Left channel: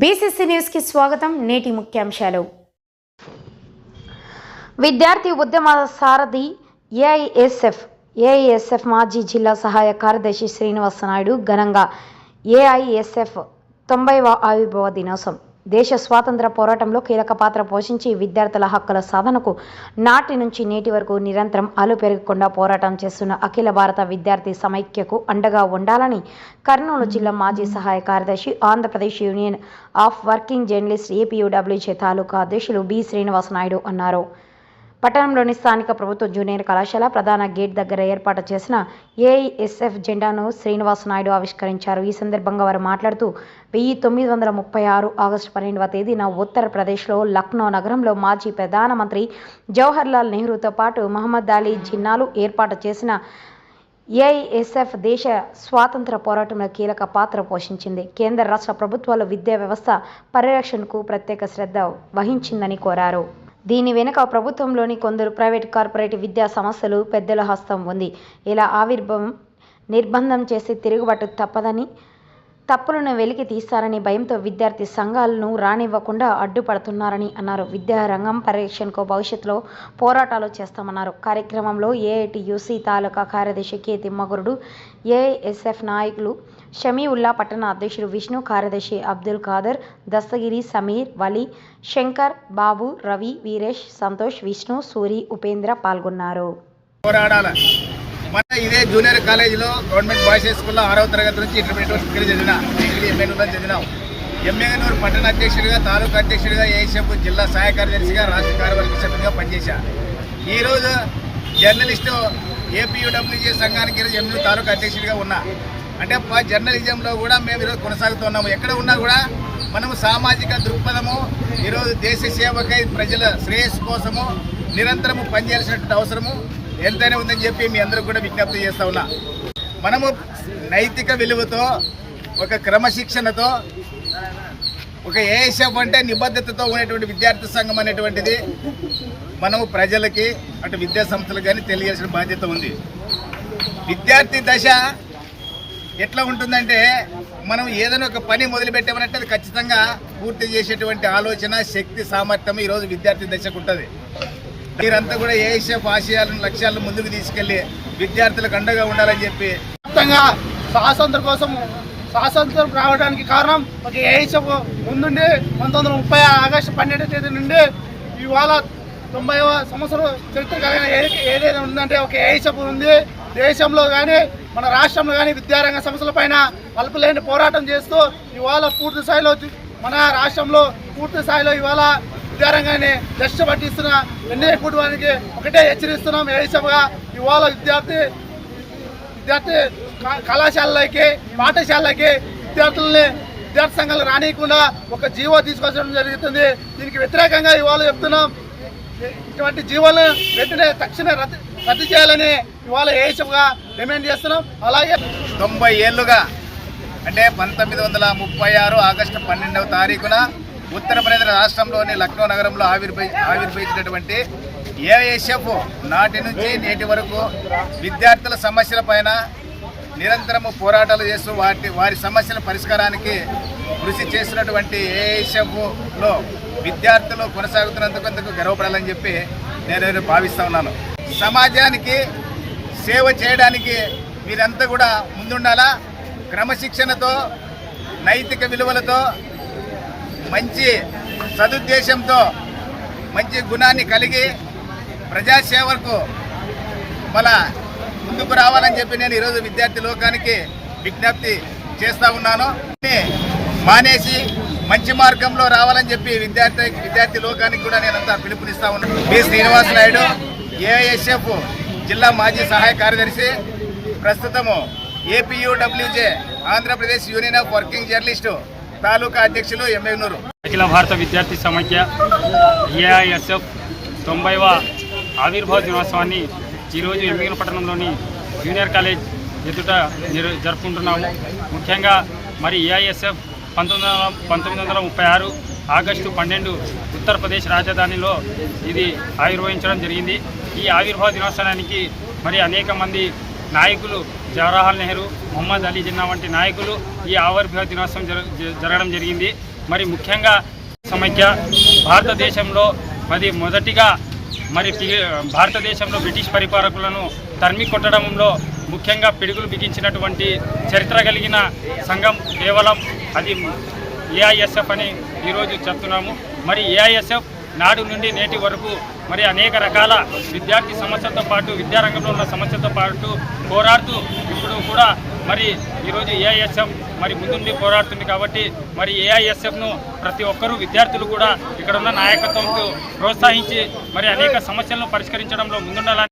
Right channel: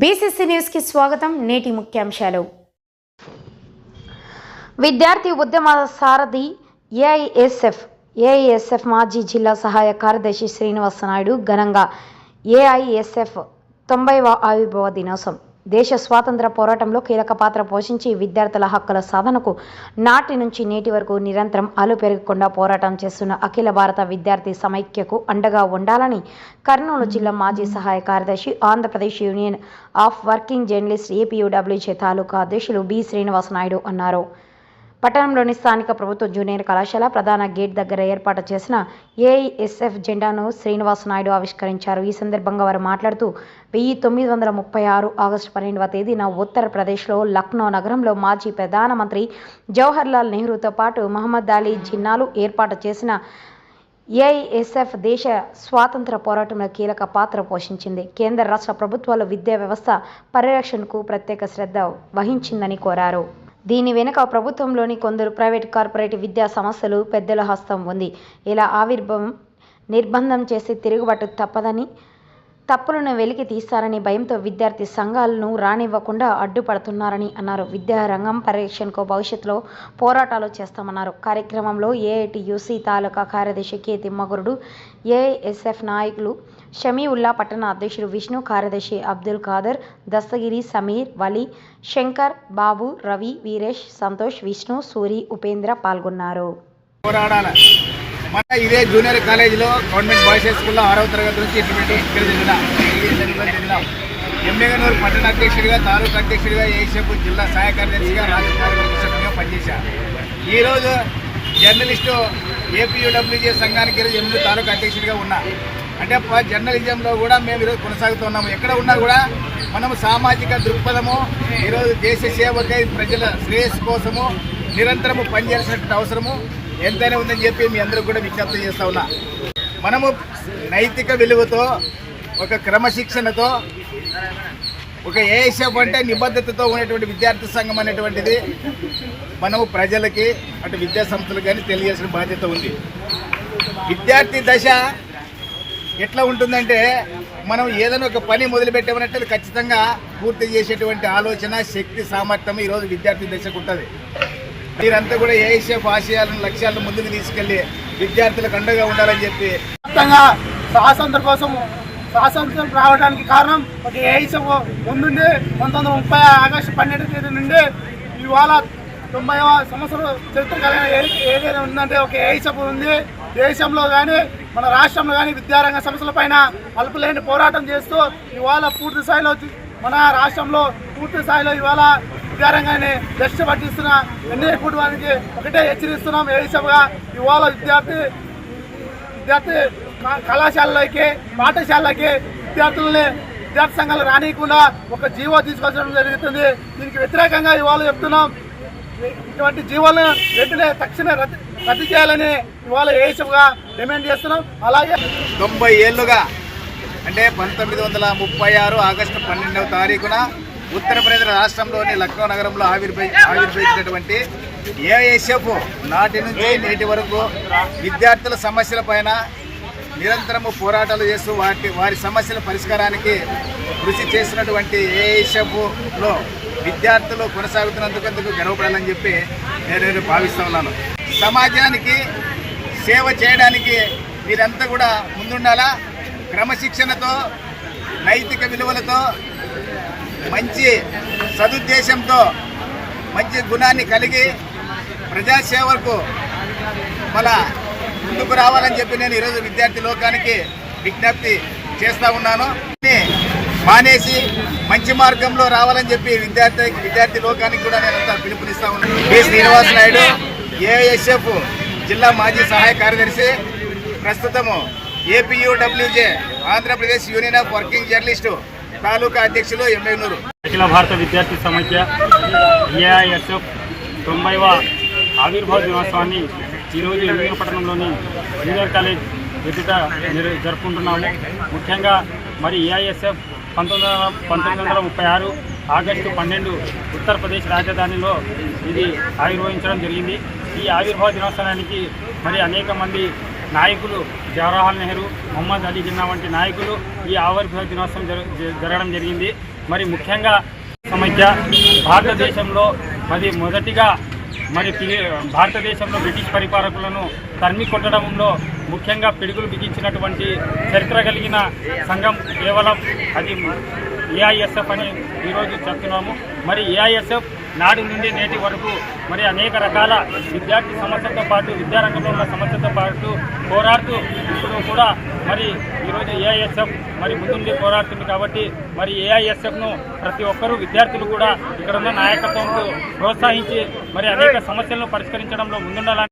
BCC న్యూస్కి స్వాగతం. నేటి ముఖ్యాంశాలు. విద్యార్థి ఉద్యమ సారథి ఏఐఎస్ఎఫ్ ఏఐఎస్ఎఫ్ మాజీ జిల్లా సహాయ కార్యదర్శి శ్రీనివాస నాయుడు ఘనంగా ఏఐఎస్ఎఫ్ తొంభైవ ఆవిర్భావ దినోత్సవం దేశ స్వాతంత్ర పోరాటంలో కీలక పాత్ర పోషించి విద్యార్థుల హక్కుల సాధనకు నాటి నుంచి నేటి వరకు నిరంతరం అలు పెరగకుండా పోరాటం చేస్తున్న అఖిల భారత విద్యార్థి సమైక్యకు అండగా ఉండాలని కర్నూలు జిల్లా మాజీ సహాయ కార్యదర్శి Andhra Pradesh union of working journalist APUWJ తాలూకా అధ్యక్షులు బి శ్రీనివాస నాయుడు అన్నారు. పట్టణంలోని స్థానిక ప్రభుత్వ జూనియర్ కళాశాల ప్రధాన గేట్ దగ్గర ఏర్పాటు చేసిన ఏఐఎస్ఎఫ్ జెండాను శ్రీనివాస నాయుడు ఆవిష్కరించారు. ఈ సందర్భంగా వారు మాట్లాడుతూ వెయ్యి తొమ్మిది వందల ముప్పై ఆరు ఆగస్టు పన్నెండవ తేదీన ఉత్తరప్రదేశ్లో లక్నో నగరంలో మాజీ ప్రధానమంత్రి జవహర్లాల్ నెహ్రూతో పాటు మహమ్మద్ అలీ జిన్నాలు ఏర్పాటు చేసిన ఏఐఎస్ఎఫ్ దేశ స్వాతంత్ర పోరాటంలో కీలక పాత్ర పోషించింది. కేంద్ర రాష్ట్ర ప్రభుత్వాలు విద్యా వ్యవస్థ పరిరక్షణకు ప్రత్యేక శ్రద్ధ వహించిందని కోరారు. దీని వెనుక ప్రభుత్వంలోని కొందరు ప్రైవేట్ కార్పొరేట్ విద్యా సంస్థలు పెద్దల హస్తం ఉంది. ఇలా ఆవిర్భావం నిర్బంధం చేసి తిరుగుబాటు తప్పదని తప్పులను వెలికి తీస్తారని భయంతో విద్యార్థి సంఘాలను రానివ్వకుండా అడ్డుపడుతున్నారని అన్నారు. విద్యారంగం పరిరక్షణకు భవిష్యత్తులో పోరాటాలు చేస్తామన్నారు. కార్యక్రమంలో ఏఐటియుసి తాలూకా కార్యదర్శి కె తిమ్మగురుడు ఏఎస్ఎఫ్ నాయకులు షమీవుల్లా పట్టణ అధ్యక్షుడు విష్ణు కార్యదర్శి అబ్దుల్ ఖాదర్ దస్తగిరి సమీర్ వలి శంకర్ బాబు రవి వీరేష్ సంతోష్ విష్ణు సూరి ఉపేంద్ర పాల్గొన్నారు. పోరాడాల? మన ఇదే జూనియర్ కాలేజీలో గవర్నమెంట్ బాయ్స్ హై స్కూల్లో ఆరవ తరగతి నుంచి ఇంటర్మీడియట్ డిగ్రీ చదివిన. డిగ్రీ ఎమ్మెల్యేలో చదివినాం. ఎమ్మెగనూరు పట్టణ అధ్యక్షుడిగా తాలూకా అధ్యక్షుడిగా ఏషపు జిల్లా సహాయ కార్యదర్శిగా రాష్ట్ర కార్యవర్గ సభ్యుడిగా పనిచేశాను ఈరోజు జర్నలిస్టు ఏపీయూడబ్ల్యూజే సంఘానికి ఈరోజు ఎమ్మెల్యే తాలూకా అధ్యక్షుడిగా ఉన్నా. అంటే జర్నలిజంలో కూడా మేము ఈరోజు కొనసాగుతున్నాము ఎక్కడ ఉన్నా కూడా మనము సామాజిక దృక్పథము ఈరోజు దేశ సేవకై ప్రజల శ్రేయస్సు కోసము నిరంతరము పనిచేయాల్సినటువంటి అవసరము ఎంతైనా ఉందని చెప్పి మీ అందరూ కూడా విజ్ఞప్తి చేస్తా ఉన్నా. మనము నైతిక విలువతో ఒక క్రమశిక్షణతో ఒక ఏఎస్ఎఫ్ అంటే నిబద్ధతతో ఉన్నటువంటి విద్యార్థి సంఘం అనేటువంటిది మనము ప్రజలకి అటు విద్యా సంస్థలకు కానీ తెలియాల్సిన బాధ్యత ఉంది. విద్యార్థి దశ ఎట్లా ఉంటుందంటే మనం ఏదైనా ఒక పని మొదలుపెట్టామనంటే అది ఖచ్చితంగా పూర్తి చేసేటువంటి ఆలోచన శక్తి సామర్థ్యం ఈరోజు విద్యార్థి దశకు ఉంటుంది. మీరంతా కూడా ఏఎస్ఎఫ్ ఆశయాలను లక్ష్యాలను ముందుకు తీసుకెళ్ళి విద్యార్థులకు అండగా ఉండాలని చెప్పి మొత్తంగా స్వాతంత్ర కోసం స్వాతంత్రం రావడానికి కారణం ఒక ఏఐసఫ్ ముందుండి పంతొమ్మిది వందల ముప్పై ఆగస్టు పన్నెండు తేదీ నుండి ఇవాళ తొంభైవ సంవత్సరం చరిత్ర కలిగిన ఏదైనా ఉందంటే ఒక ఏఐసఫ్ ఉంది. దేశంలో కానీ మన రాష్ట్రంలో కానీ విద్యారంగ సంస్థల పైన అల్పులేని పోరాటం చేస్తూ ఇవాళ పూర్తి స్థాయిలో మన రాష్ట్రంలో పూర్తి స్థాయిలో ఇవాళ విద్యారంగాన్ని దశ పట్టిస్తున్న ఎన్డీఏ కుటుంబానికి ఒకటే హెచ్చరిస్తున్నాం. ఏఐసఫ్గా ఇవాళ విద్యార్థి విద్యార్థి కళాశాలలకి పాఠశాలలకి విద్యార్థులని విద్యార్థి సంఘాలు రానియకుండా ఒక జీవో తీసుకొచ్చడం జరుగుతుంది. దీనికి వ్యతిరేకంగా ఇవాళ చెప్తున్నాం. ఇటువంటి జీవోలను వెంటనే తక్షణ రద్దు రద్దు చేయాలని ఇవాళ ఏసఫ్గా డిమాండ్ చేస్తున్నాం. అలాగే తొంభై ఏళ్ళుగా అంటే పంతొమ్మిది వందల ముప్పై ఆరు ఆగస్టు పన్నెండవ తారీఖున ఉత్తరప్రదేశ్ రాష్ట్రంలోని లక్నో నగరంలో ఆవిర్భవి ఆవిర్భవించినటువంటి ఏఐఎస్ఎఫ్ నాటి నుంచి నేటి వరకు విద్యార్థుల సమస్యల పైన నిరంతరము పోరాటాలు చేస్తూ వాటి వారి సమస్యల పరిష్కారానికి కృషి చేసినటువంటి ఏఐఎస్ఎఫ్లో విద్యార్థులు కొనసాగుతున్నందుకు గర్వపడాలని చెప్పి నేను భావిస్తూ ఉన్నాను. సమాజానికి సేవ చేయడానికి మీరంతా కూడా ముందుండాలా? క్రమశిక్షణతో నైతిక విలువలతో మంచి సదుద్దేశంతో మంచి గుణాన్ని కలిగి ప్రజాసేవకు మన ముందుకు రావాలని చెప్పి నేను ఈరోజు విద్యార్థి లోకానికి విజ్ఞప్తి చేస్తా ఉన్నాను. మానేసి మంచి మార్గంలో రావాలని చెప్పి విద్యార్థి విద్యార్థి లోకానికి కూడా నేను అంతా పిలుపునిస్తా ఉన్నాను కె. శ్రీనివాస్ నాయుడు ఏఎస్ఎఫ్ జిల్లా మాజీ సహాయ కార్యదర్శి. ప్రస్తుతము APUWJ Andhra Pradesh union of working journalist. తాలూకా అధ్యక్షులు ఎమ్మెనూరు అఖిల భారత విద్యార్థి సమైక్య ఏఐఎస్ఎఫ్ తొంభైవ ఆవిర్భావ దినోత్సవాన్ని ఈరోజు ఎమ్మిగిన పట్టణంలోని జూనియర్ కాలేజ్ ఎదుట జరుపుకుంటున్నాము. ముఖ్యంగా మరి ఏఐఎస్ఎఫ్ పంతొమ్మిది వందల పంతొమ్మిది వందల ముప్పై ఆరు ఆగస్టు పన్నెండు ఉత్తరప్రదేశ్ రాజధానిలో ఇది ఆవిర్భవించడం జరిగింది. ఈ ఆవిర్భావ దినోత్సవానికి మరి అనేక మంది నాయకులు జవహర్లాల్ నెహ్రూ మొహమ్మద్ అలీ జిన్నా వంటి నాయకులు ఈ ఆవిర్భావ దినోత్సవం జ- జరగడం జరిగింది. మరి ముఖ్యంగా సమైక్య భారతదేశంలో మరి మొదటిగా మరి పి- భారతదేశంలో బ్రిటిష్ పరిపాలకులను తరిమి కొట్టడంలో ముఖ్యంగా పిడుగులు బిగించినటువంటి చరిత్ర కలిగిన సంఘం కేవలం అది ఏఐఎస్ఎఫ్ అని ఈరోజు చెప్తున్నాము. మరి ఏఐఎస్ఎఫ్ నాడు నుండి నేటి వరకు మరి అనేక రకాల విద్యార్థి సమస్యలతో పాటు విద్యారంగంలో ఉన్న సమస్యలతో పాటు పోరాడుతూ ఇప్పుడు కూడా మరి ఈరోజు ఏఐఎస్ఎఫ్ మరి ముందుండి పోరాడుతుంది కాబట్టి మరి ఏఐఎస్ఎఫ్ను ప్రతి ఒక్కరూ విద్యార్థులు కూడా ఇక్కడ ఉన్న నాయకత్వంతో ప్రోత్సహించి మరి అనేక సమస్యలను పరిష్కరించడంలో ముందుండాలని